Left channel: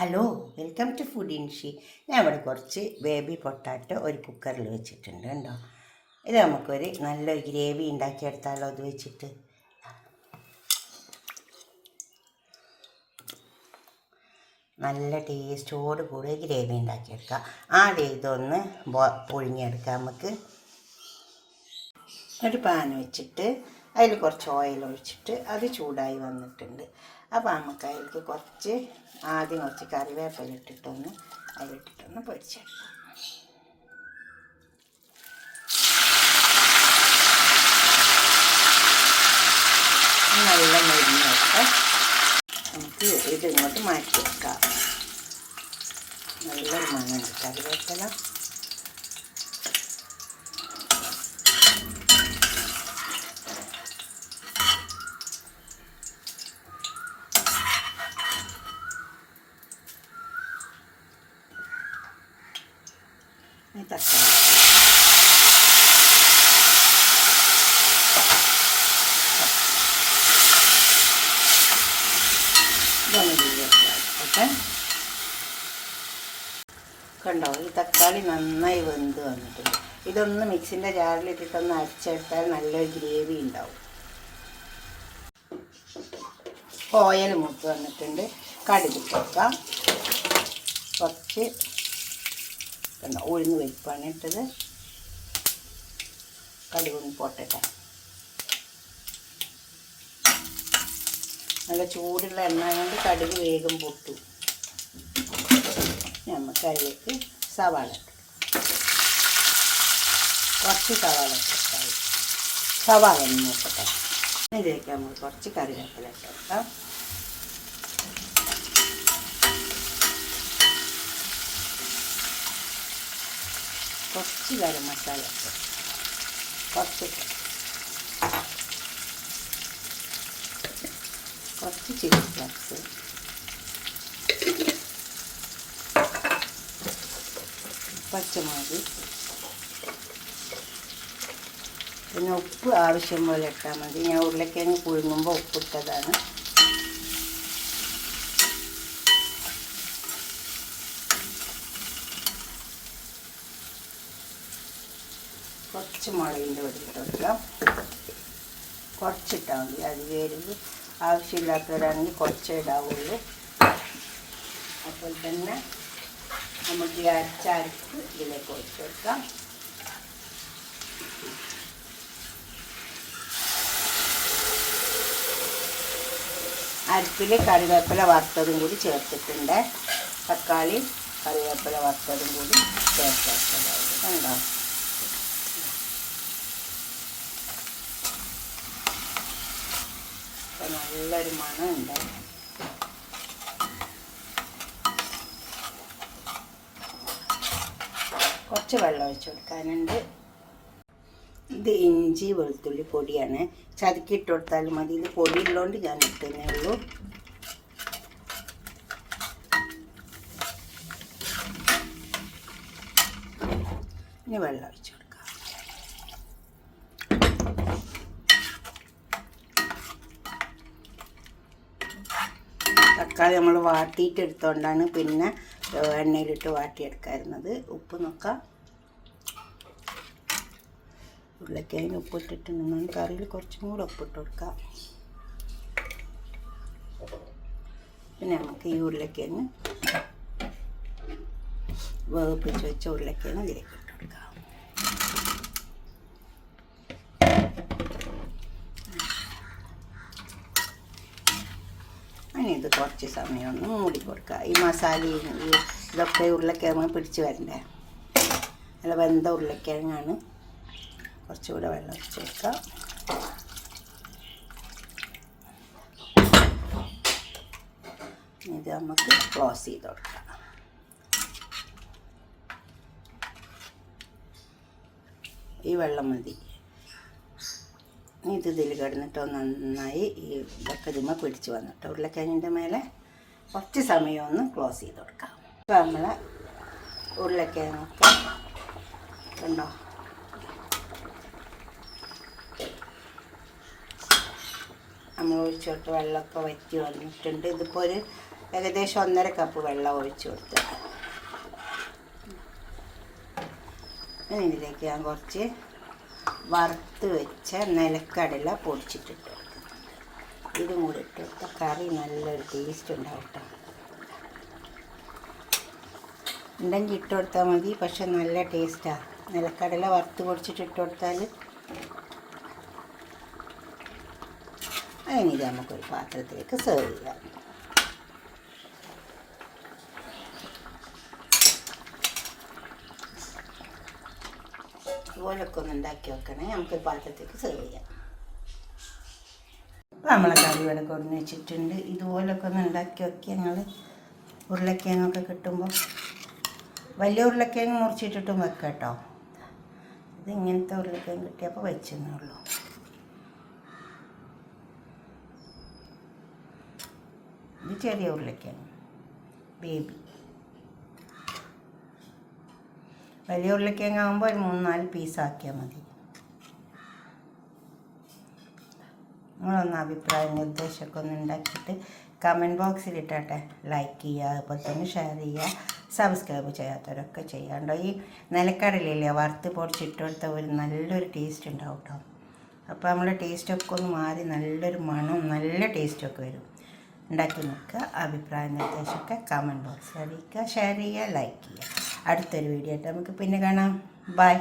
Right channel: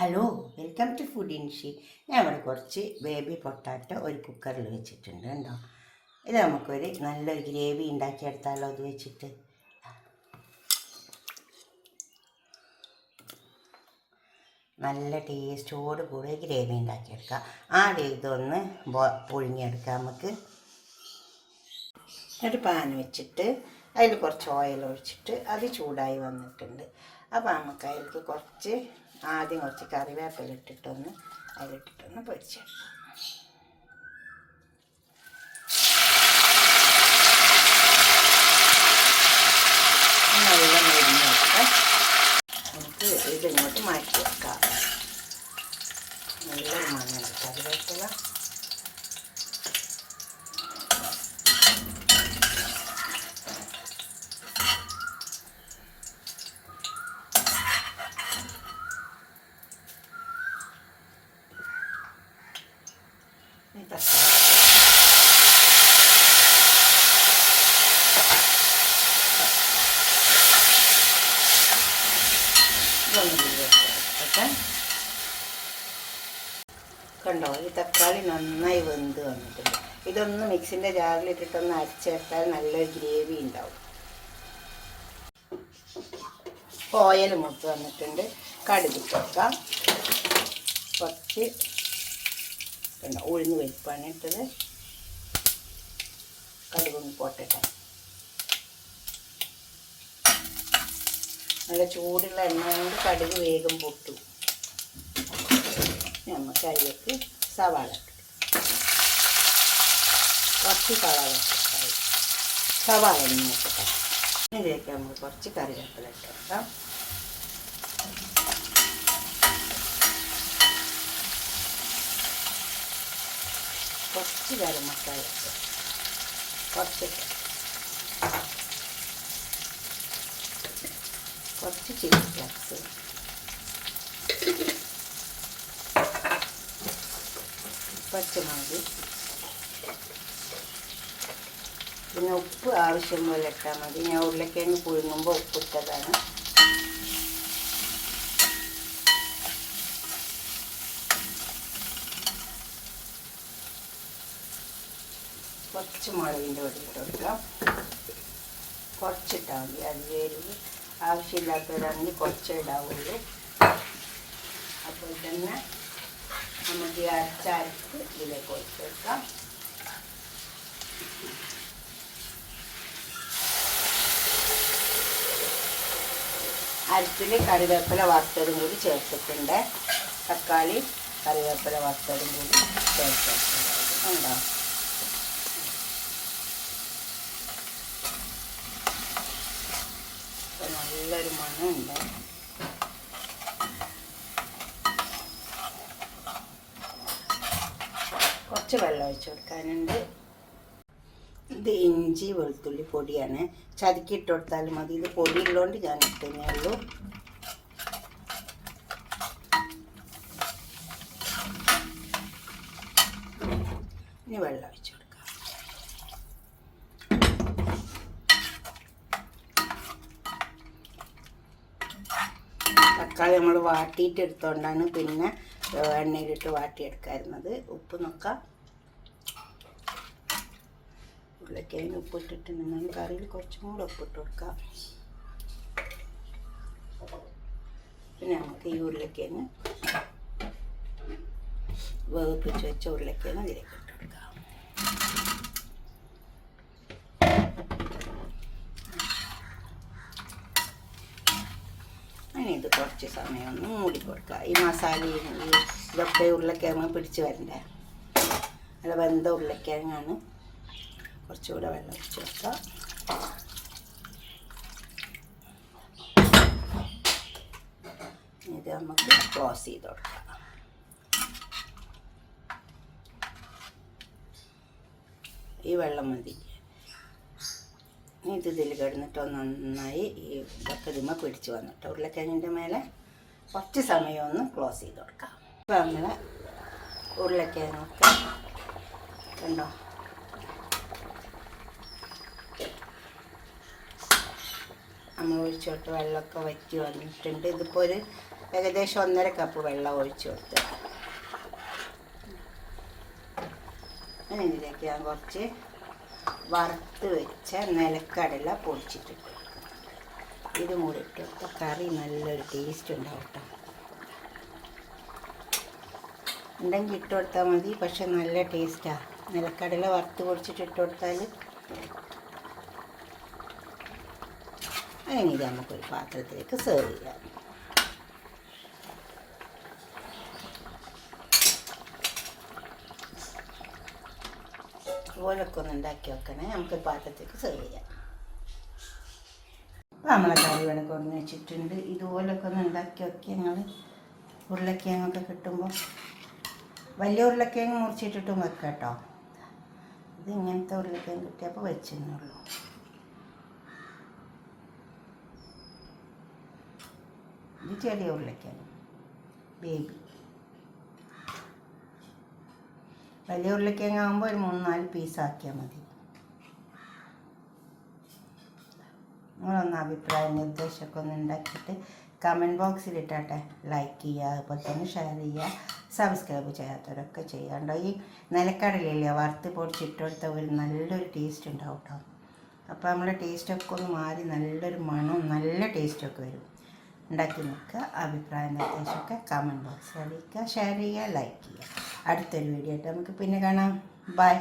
Hello, welcome to food ഇൻഷി. ഞാൻ ഇവിടെ കുറച്ച് ബേബി പൊട്ടാറ്റോ ഒരു കുക്കറിൽ വെച്ചിട്ടുണ്ട് കേട്ടോ. ഇത് നമുക്കൊരു നല്ലൊരു ഗ്രേവി ഉണ്ടാക്കിയെടുത്താലോ അത് വെച്ചിട്ട്. നല്ല ടേസ്റ്റോട് കൂടി ഗ്രേവി ഉണ്ടാക്കിയെടുക്കാം. ആദ്യം ഇതൊന്ന് പൊഴിഞ്ഞെടുക്കാം. നമുക്ക് ഒരു പാൻ വെച്ചിട്ട് അതിൽ കുറച്ച് ഓയിൽ ഒഴിച്ചിട്ട് അത് ചൂടായി വന്നിട്ടുണ്ട്. അപ്പോൾ നമുക്ക് അതിലേക്ക് ആദ്യം കുറച്ച് കറിവേപ്പില ഇട്ടിട്ടൊന്ന് അതിലിട്ടിട്ടൊന്ന് പൊരിച്ചെടുക്കാം. നല്ല മരുന്നൊക്കെ നമുക്ക് ഇതിങ്ങോട്ട് മാറ്റി വെക്കാം. നല്ല മണമുണ്ട് കറിവേപ്പില. തക്കാളി കണ്ടോ, ഈ തക്കാളി നന്നായി വെന്ത് വന്നിട്ടുണ്ട്. ഇതൊന്ന് മിക്സിൻ്റെ ജാറിലിട്ടിട്ടൊന്ന് അരച്ചെടുത്താൽ നല്ലൊരു ഗ്രേവി ഉണ്ടാവും. ഓയിൽ മൂത്ത് വന്നിട്ടുണ്ട്. കടുക് വെക്കാം. കുറച്ച് കണ്ടോ ഉഴുന്ന് പരിപ്പാണ് ഇട്ടത്. കടുകൊന്ന് പൊട്ടട്ടെ. നല്ല ചൂടുള്ള എണ്ണ കൊണ്ട് കടുക് വേഗം പൊട്ടു. നമുക്ക് അതിലേക്ക് സവാള കുറച്ച് സവാള ഒന്ന് നോക്കട്ടെ. ഇതിലേക്ക് നമ്മൾ കുറച്ച് കറിവേപ്പില ഇട്ടേക്കാം. കുറച്ച് ഗരം മസാല, കുറച്ച് ചില്ലി ഫ്ലേക്സ്, പച്ചമുളക്, പിന്നെ ഉപ്പ് ആവശ്യം പോലെ ഇട്ടാൽ മതി. ഞാൻ ഉരുളക്കിഴങ്ങ് പുഴുങ്ങുമ്പോൾ ഉപ്പിട്ടതാണ്. കുറച്ച് മുളകിൻ്റെ പൊടി ഇട്ട് കൊടുക്കാം. കുറച്ചിട്ടാൽ മതി. അത് വേരുമ്പോൾ ആവശ്യമില്ലാത്തവരാണെങ്കിൽ കുറച്ചേ ഇടാവുള്ളൂ. അപ്പോൾ തന്നെ നമുക്ക് ഈ അരപ്പ് ഇതിലേക്ക് ഒഴിച്ച് കൊടുക്കാം. അരപ്പിൽ കറിവേപ്പില വറുത്തതും കൂടി ചേർത്തിട്ടുണ്ട്. തക്കാളി കറിവേപ്പില വറുത്തതും കൂടി ചേർത്തിട്ടുണ്ട്. ഉണ്ടോ? നല്ലൊരു മണമുണ്ട്. കുറച്ച് വെള്ളം ഒഴിച്ച് കൊടുക്കാനുണ്ട്. ഇത് ഇഞ്ചി വെളുത്തുള്ളി പൊടിയാണ്. ചതുക്കിയിട്ട് കൊടുത്താലും മതി. ഇത് പൊടിയുള്ളതുകൊണ്ട് ഞാൻ ഇട്ടേ ഉള്ളൂ. ഇനി വെള്ളം ഒഴിച്ച് കൊടുക്കാം. തക്കാളി നമ്മൾ വാട്ടിയിട്ട് എടുത്തുകൊണ്ടാണ് പിന്നെ എണ്ണയിലിട്ട് വാട്ടിയെടുക്കാറുള്ളത്. ഉപ്പ് നോക്കാം. ഉരുളക്കിഴങ്ങ് ഉപ്പിട്ടിട്ടുണ്ടെങ്കിൽ കറിയിൽ കുറച്ചും കൂടെ ഉപ്പിട്ട് കൊടുക്കാം. പിന്നെ നമുക്ക് ഈ ഉരുളക്കിഴങ്ങ് വേവിപ്പിച്ച് വെച്ച ഉരുളക്കിഴങ്ങ് ഇതിലേക്ക് ഇട്ട് കൊടുക്കാം. ഇത് കുറച്ച് സമയം ഒന്ന് മൂടി കൊടുക്കുക. ഈ മസാലയും ഇതൊക്കെ ഉരുളക്കിഴങ്ങ് പിടിച്ച് വരണ്ടേ. നല്ല വെന്ത ഉരുളക്കിഴങ്ങാണ്. കുറച്ചുകൂടെ വെള്ളം ഒഴിച്ച് വെക്കാം. ഇത് നമുക്ക് ക്ലോസ് ചെയ്ത് കൊടുക്കാം. ഈ വെള്ളം മതി. ഇത് ഇതിൽ കിടന്നിട്ടോ നന്നായി ഈ ഇതൊക്കെ ഇതിന്മേൽ പിടിച്ച് വന്നിട്ട് ഉരുളക്കിഴങ്ങിൻ്റെ മേലെ കുറച്ച് സമയം ഒന്ന് ക്ലോസ് ചെയ്ത് കൊടുക്കാം. അപ്പോൾ നമ്മളെ ഉരുളക്കിഴങ്ങൊക്കെ കണ്ടോ നമ്മൾ ഒഴിച്ചു കൊടുത്ത് വെള്ളമൊക്കെ വറ്റി വന്നിട്ടുണ്ട്. ഇതിപ്പോൾ ഒരു ഏകദേശം 1.5 കപ്പ് വെള്ളം ഒഴിച്ചു കൊടുത്ത് ഇതിലേക്ക് ഞാൻ കുറച്ച് വറുത്ത് വെച്ച നിലക്കടല പൊടിച്ചിട്ടിട്ട് ഇതും കൂടി ഇട്ട് കൊടുത്താൽ കറി നല്ലൊരു ടേസ്റ്റ് ഉണ്ടാവും കേട്ടോ. ഉണ്ടെങ്കിൽ ഇട്ട് കൊടുത്താൽ മതി, പക്ഷെ നല്ല ടേസ്റ്റാണ്. നിലക്കടല വറുത്ത് പൊടിച്ചിട്ട് ഇട്ട് കൊടുത്താൽ അതിന് നമുക്കൊരു പാത്രത്തിലേക്ക് സെർവ് ചെയ്യാം. ഇതുപോലൊക്കെ ഒന്ന് ഉണ്ടാക്കി വെക്കണേ, നമുക്കൊരു പാത്രത്തേക്ക് സെർവ് ചെയ്യാം. അപ്പോൾ നമ്മളെ കറി ഇവിടെ കൊണ്ട് വെച്ചിട്ടുണ്ട്. ഇതുപോലൊക്കെ ഒന്ന് ഉണ്ടാക്കി വെക്കി ഞങ്ങൾ ഉരുളക്കിഴങ്ങൊക്കെ കിട്ടുമ്പോൾ വലിയ ഉരുളക്കിഴങ്ങ് മുറിച്ചിട്ടിട്ടും വെക്കാം കേട്ടോ. ഇത് ഇങ്ങനത്തെ ഉരുളക്കിഴങ്ങ് കിട്ടിയപ്പോൾ വെച്ചെന്നുള്ളൂ. ഇത് ചെറിയ ഉരുളക്കിഴങ്ങ് ബേബി. വലിയ ഉരുളക്കിഴങ്ങ് ആകുമ്പോൾ ഒരു 3-4 പീസാക്കിയാൽ മതി. നിങ്ങളൊന്ന് അഭിപ്രായം നിർദ്ദേശമൊക്കെ ഒന്ന് ഉണ്ടാക്കിയിട്ട് കമൻറ്റ് ബോക്സിൽ ഇട്ടാട്ടെ. ലൈക്ക് ചെയ്യുക, അതുപോലെ തന്നെ ഷെയർ ചെയ്യുക, സബ്സ്ക്രൈബ് ചെയ്യാത്തവരൊക്കെ ചെയ്യാണ്ടോ. ഈ നിലക്കടലയില്ലേ വറുത്ത് പൊടിച്ചിട്ടെടുത്ത ഒരു നല്ലൊരു ടേസ്റ്റ് ഉണ്ടാവും കേട്ടോ. അപ്പോൾ നമ്മുടെ ടേസ്റ്റൊക്കെ ഒന്ന് മാറി നല്ലൊരു മണം, നല്ല ടേസ്റ്റൊക്കെ വരും. ഉണ്ടാക്കി നോക്കുക. അഭിപ്രായ നിർദ്ദേശമൊക്കെ കമൻറ്റ് ബോക്സിൽ അറിയിക്കുക, ഷെയർ ചെയ്യുക, ലൈക്ക് ചെയ്യുക. അടുത്തൊരു വീഡിയോ ആയിട്ട് നമുക്ക് പിന്നെ കാണാം. ബൈ.